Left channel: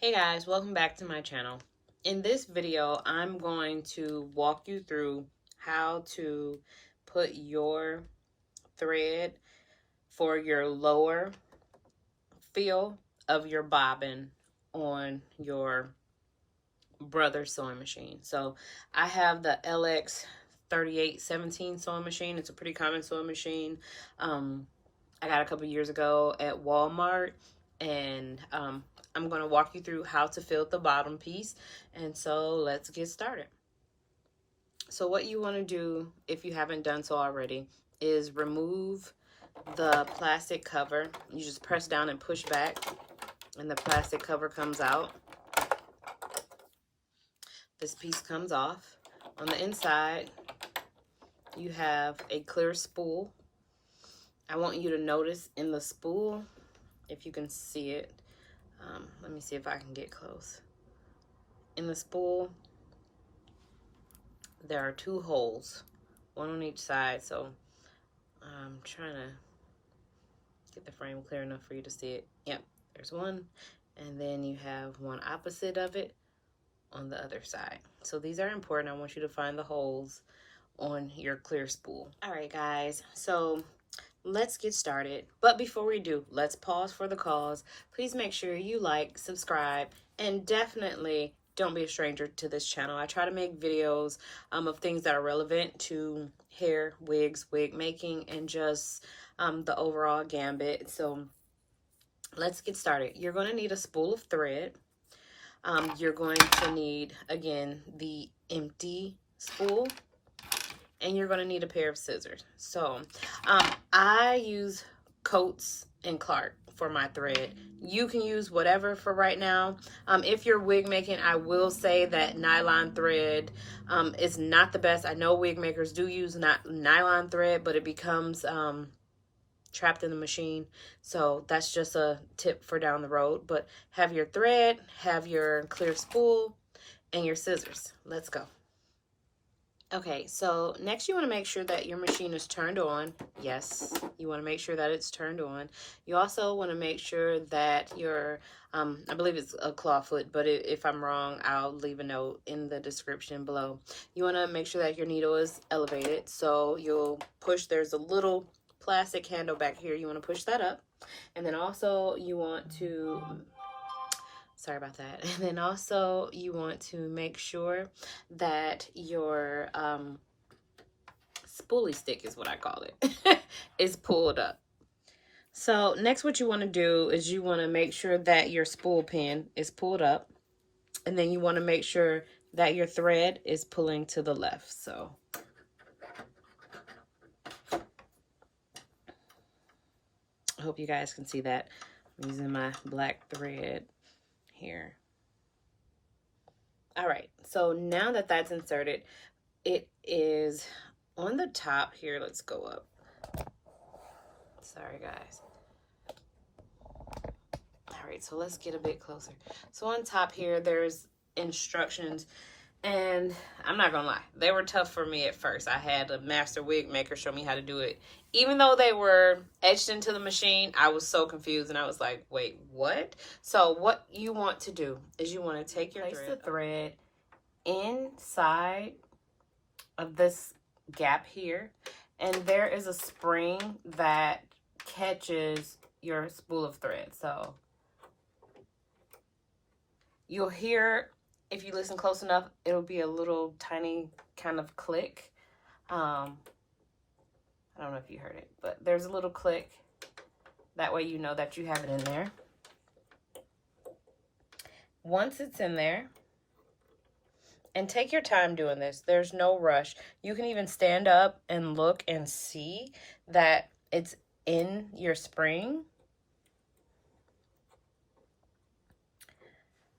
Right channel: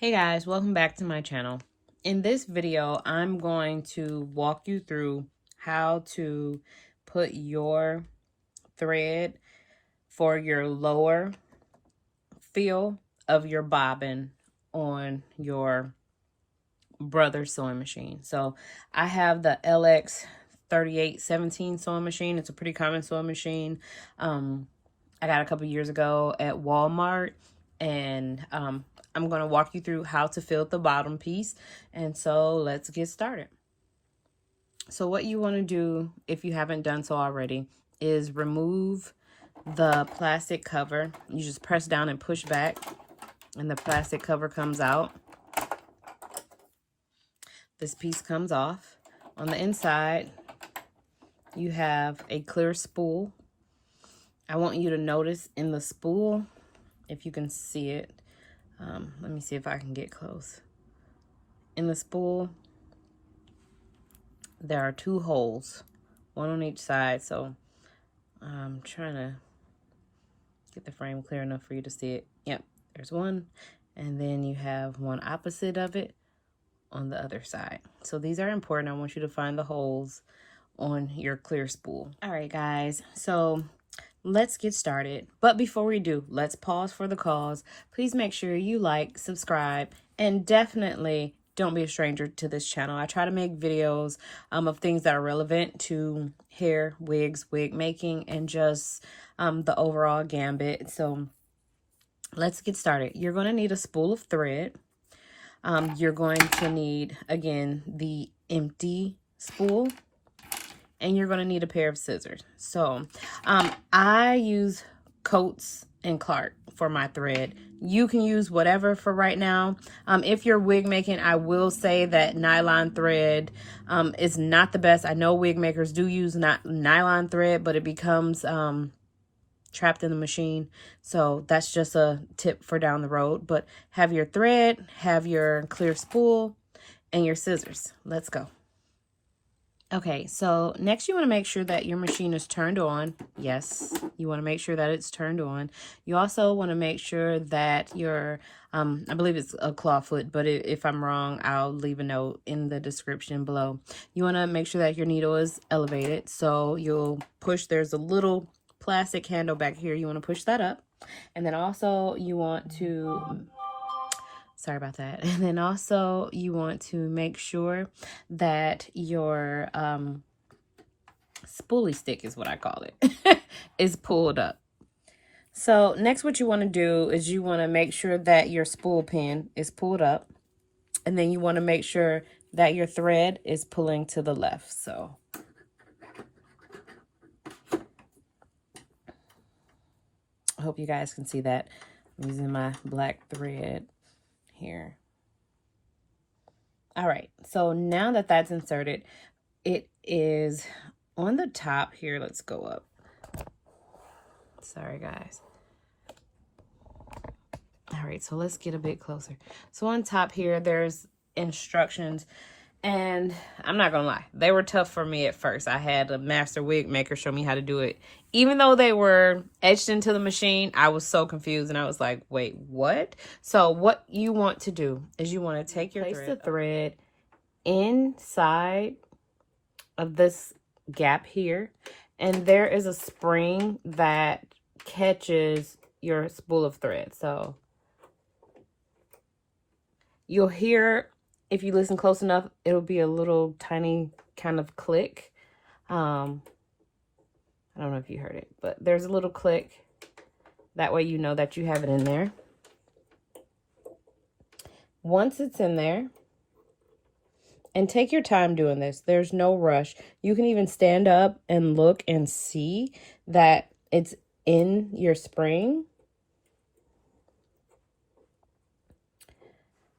Hey guys, welcome back to my channel. In this video, I'm going to walk you through how to put your thread for your lower feel of your bobbin on your Brother sewing machine. So I have the LX3817 sewing machine. It's a pretty common sewing machine. I got a couple years ago at Walmart, and I'm going to walk you through how to fill the bottom piece. And so let's get started. So what you want to do, if you haven't done so already, is remove the plastic cover. You just press down and push back, and the plastic cover comes out. This piece comes off. On the inside, you have a clear spool. I want you to notice in the spool, if you can see it, let me see if I can get close. In the spool, there are two holes, one on each side, so I'm trying to get the frame clear enough for you to see it. Yep, there's one, and then you have one opposite of it on the other side. So these are important. I want you to find the holes on your clear spool. All right, guys, so let's get started. But before we do, let's pause for the cause. Please make sure you like, subscribe, and definitely don't be a stranger to this channel. I try to make videos of things that are relevant to hair, wigs, wig making, and just the overall gambit. So let's get started. You're going to need a spool of thread. You're going to need, again, the empty spool. And you're going to need a pair of scissors. So I use Coates and Clark for my thread. You can use whatever for right now. If you're wig making, I will say that nylon thread is not the best. I know wig makers do use nylon thread, but it becomes trapped in the machine. So that's just a tip for down the road. But have your thread, have your clear spool, and your scissors. Let's go. Okay, so next you want to make sure that your machine is turned on. Yes, you want to make sure that it's turned on. You also want to make sure that your, I believe it's a claw foot, but if I'm wrong, I'll leave a note in the description below. You want to make sure that your needle is elevated. So you'll push, there's a little plastic handle back here. You want to push that up. And then also you want to... Sorry about that. And then also you want to make sure that your spoolie stick is what I call it is pulled up. So next what you want to do is you want to make sure that your spool pin is pulled up, and then you want to make sure that your thread is pulling to the left. So I hope you guys can see that. I'm using my black thread here. All right, so now that that's inserted, it is on the top here. Let's go up. Sorry, guys. All right, so let's get a bit closer. So on top here, there's instructions, and I'm not gonna lie, they were tough for me at first. I had a master wig maker show me how to do it. Even though they were etched into the machine, I was so confused, and I was like, wait, what? So what you want to do is you want to take your thread inside of this gap here, and there is a spring that catches your spool of thread. So you'll hear, if you listen close enough, it'll be a little tiny kind of click. I don't know if you heard it, but there's a little click. That way you know that you have it in there. Once it's in there, and take your time doing this, there's no rush. You can even stand up and look and see that it's in your spring.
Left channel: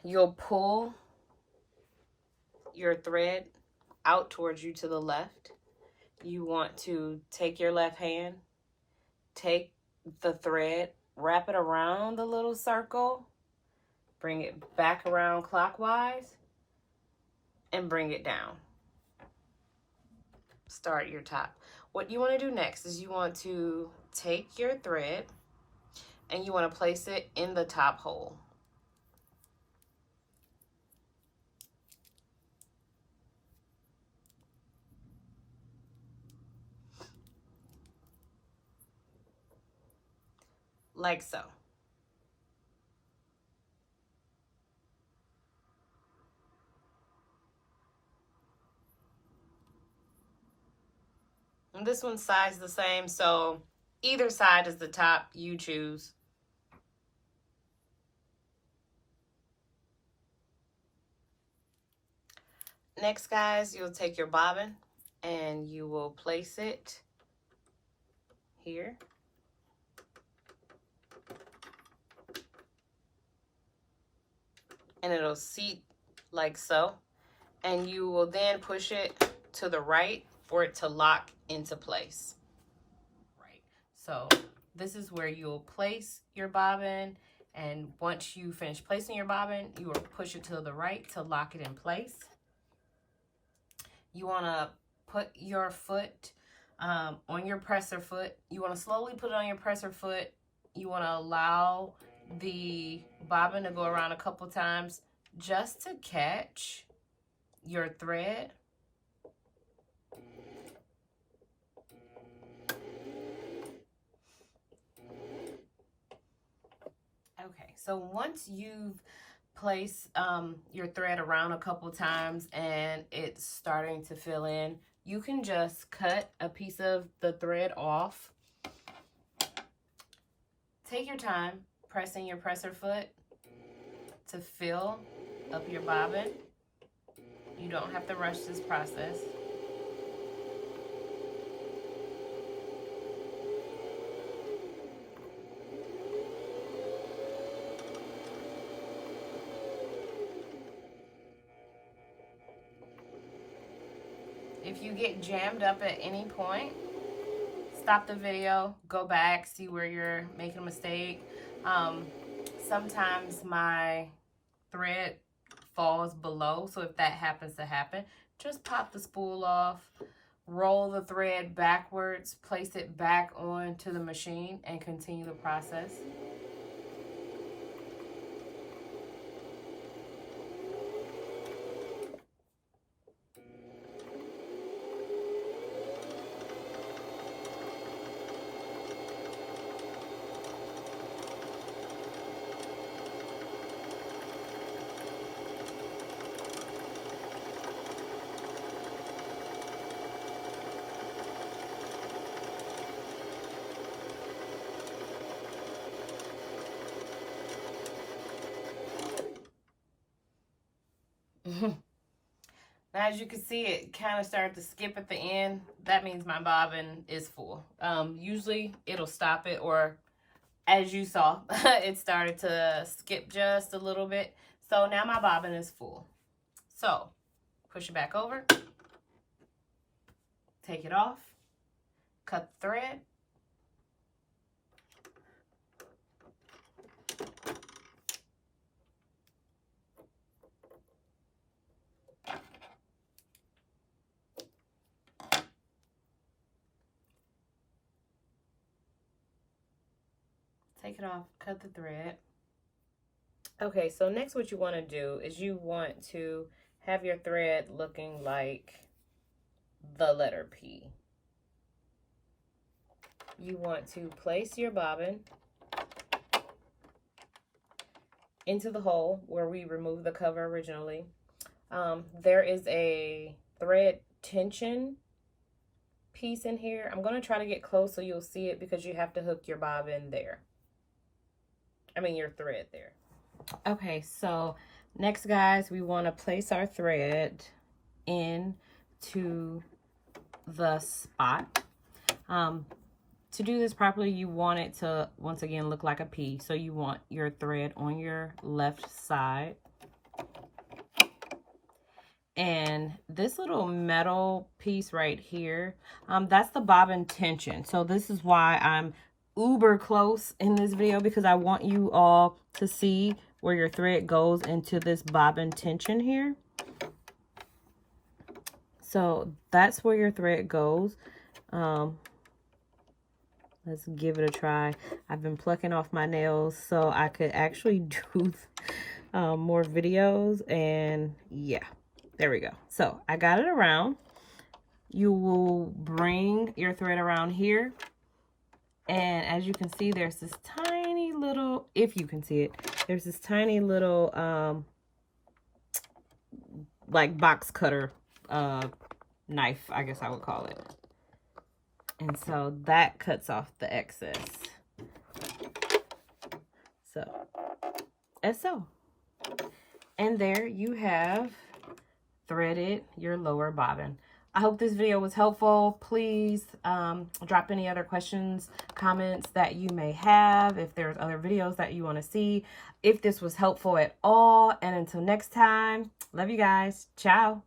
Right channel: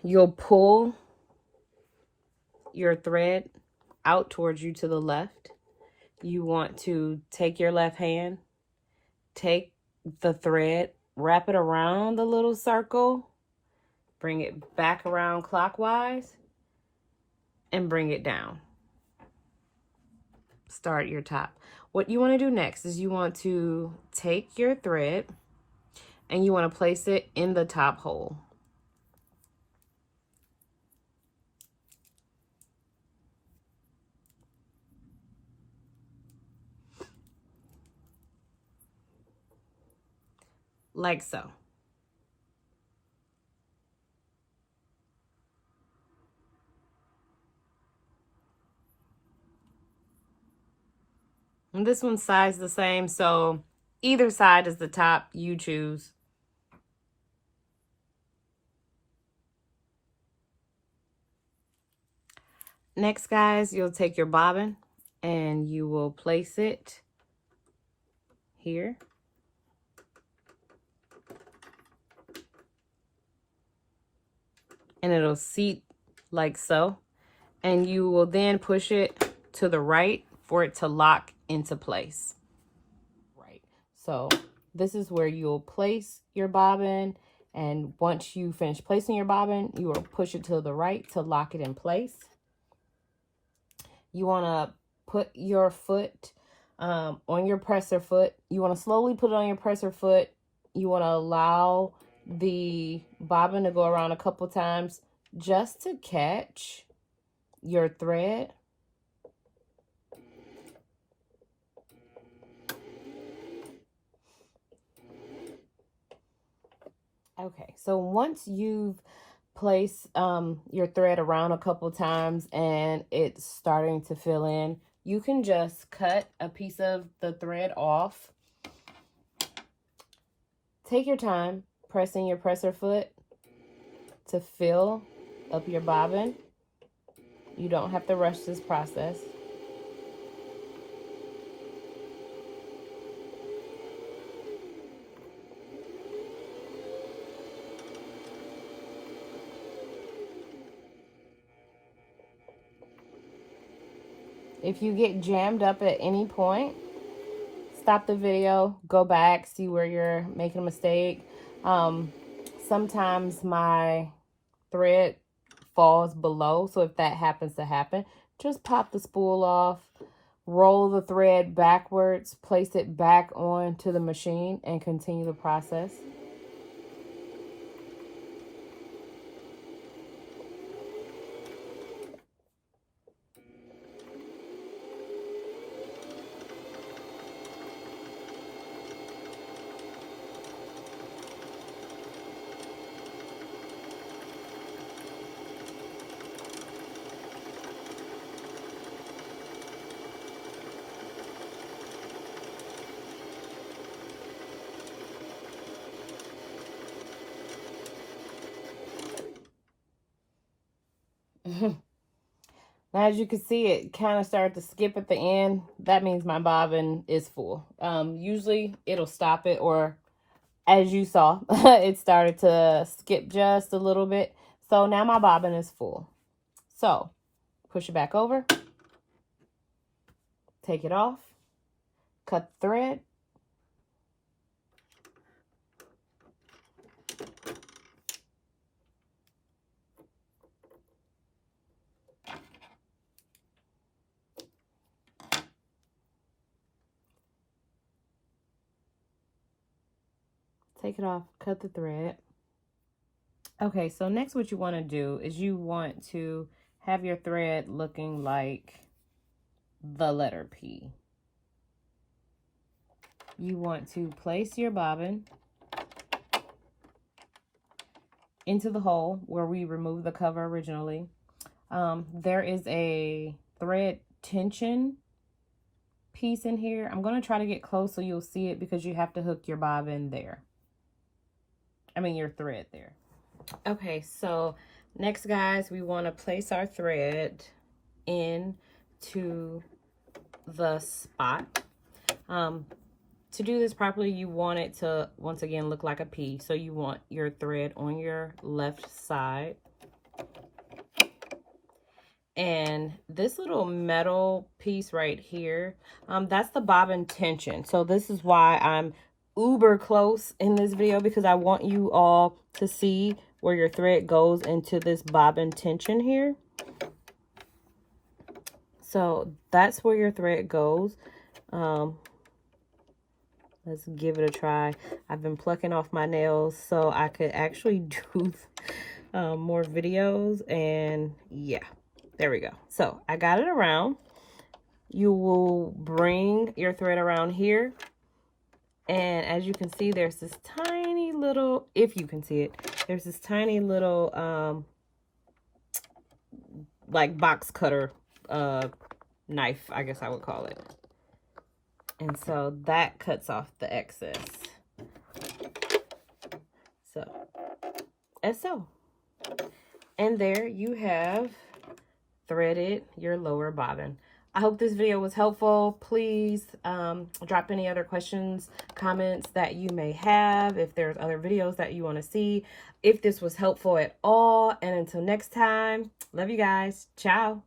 You'll pull your thread out towards you to the left. You want to take your left hand, take the thread, wrap it around the little circle, bring it back around clockwise, and bring it down. Start your top. What you want to do next is you want to take your thread and you want to place it in the top hole. like so. And this one's size the same, so either side is the top, you choose. Next, guys, you'll take your bobbin and you will place it here. And it'll seat like so. And you will then push it to the right for it to lock into place. Right. So this is where you'll place your bobbin. And once you finish placing your bobbin, you will push it to the right to lock it in place. You want to put your foot on your presser foot. You want to slowly put it on your presser foot. You want to allow the bobbin to go around a couple times just to catch your thread. Okay, so once you've place your thread around a couple times and it's starting to fill in, you can just cut a piece of the thread off. Take your time pressing your presser foot to fill up your bobbin. You don't have to rush this process. If you get jammed up at any point, stop the video, go back, see where you're making a mistake. Sometimes my thread falls below, so if that happens to happen, just pop the spool off, roll the thread backwards, place it back onto the machine, and continue the process. Now, as you can see, it kind of started to skip at the end. That means my bobbin is full. Usually it'll stop it, or as you saw, it started to skip just a little bit. So now my bobbin is full. So push it back over, take it off, cut the thread. Take it off, cut the thread. Okay, so next what you want to do is you want to have your thread looking like the letter P. You want to place your bobbin into the hole where we removed the cover originally. There is a thread tension piece in here. I'm going to try to get close so you'll see it, because you have to hook your bobbin there. Your thread there. Okay, so next, guys, we want to place our thread into the spot. To do this properly, you want it to, once again, look like a P. So you want your thread on your left side. And this little metal piece right here, that's the bobbin tension. So this is why I'm uber close in this video, because I want you all to see where your thread goes into this bobbin tension here. So that's where your thread goes. Let's give it a try. I've been plucking off my nails so I could actually do more videos, and yeah, there we go. So I got it around. You will bring your thread around here, and as you can see, there's this tiny little, if you can see it, there's this tiny little, like box cutter, knife, I guess I would call it. And so that cuts off the excess. So. And there you have threaded your lower bobbin. I hope this video was helpful. Please drop any other questions, comments that you may have, if there's other videos that you want to see, if this was helpful at all. And until next time, love you guys. Ciao.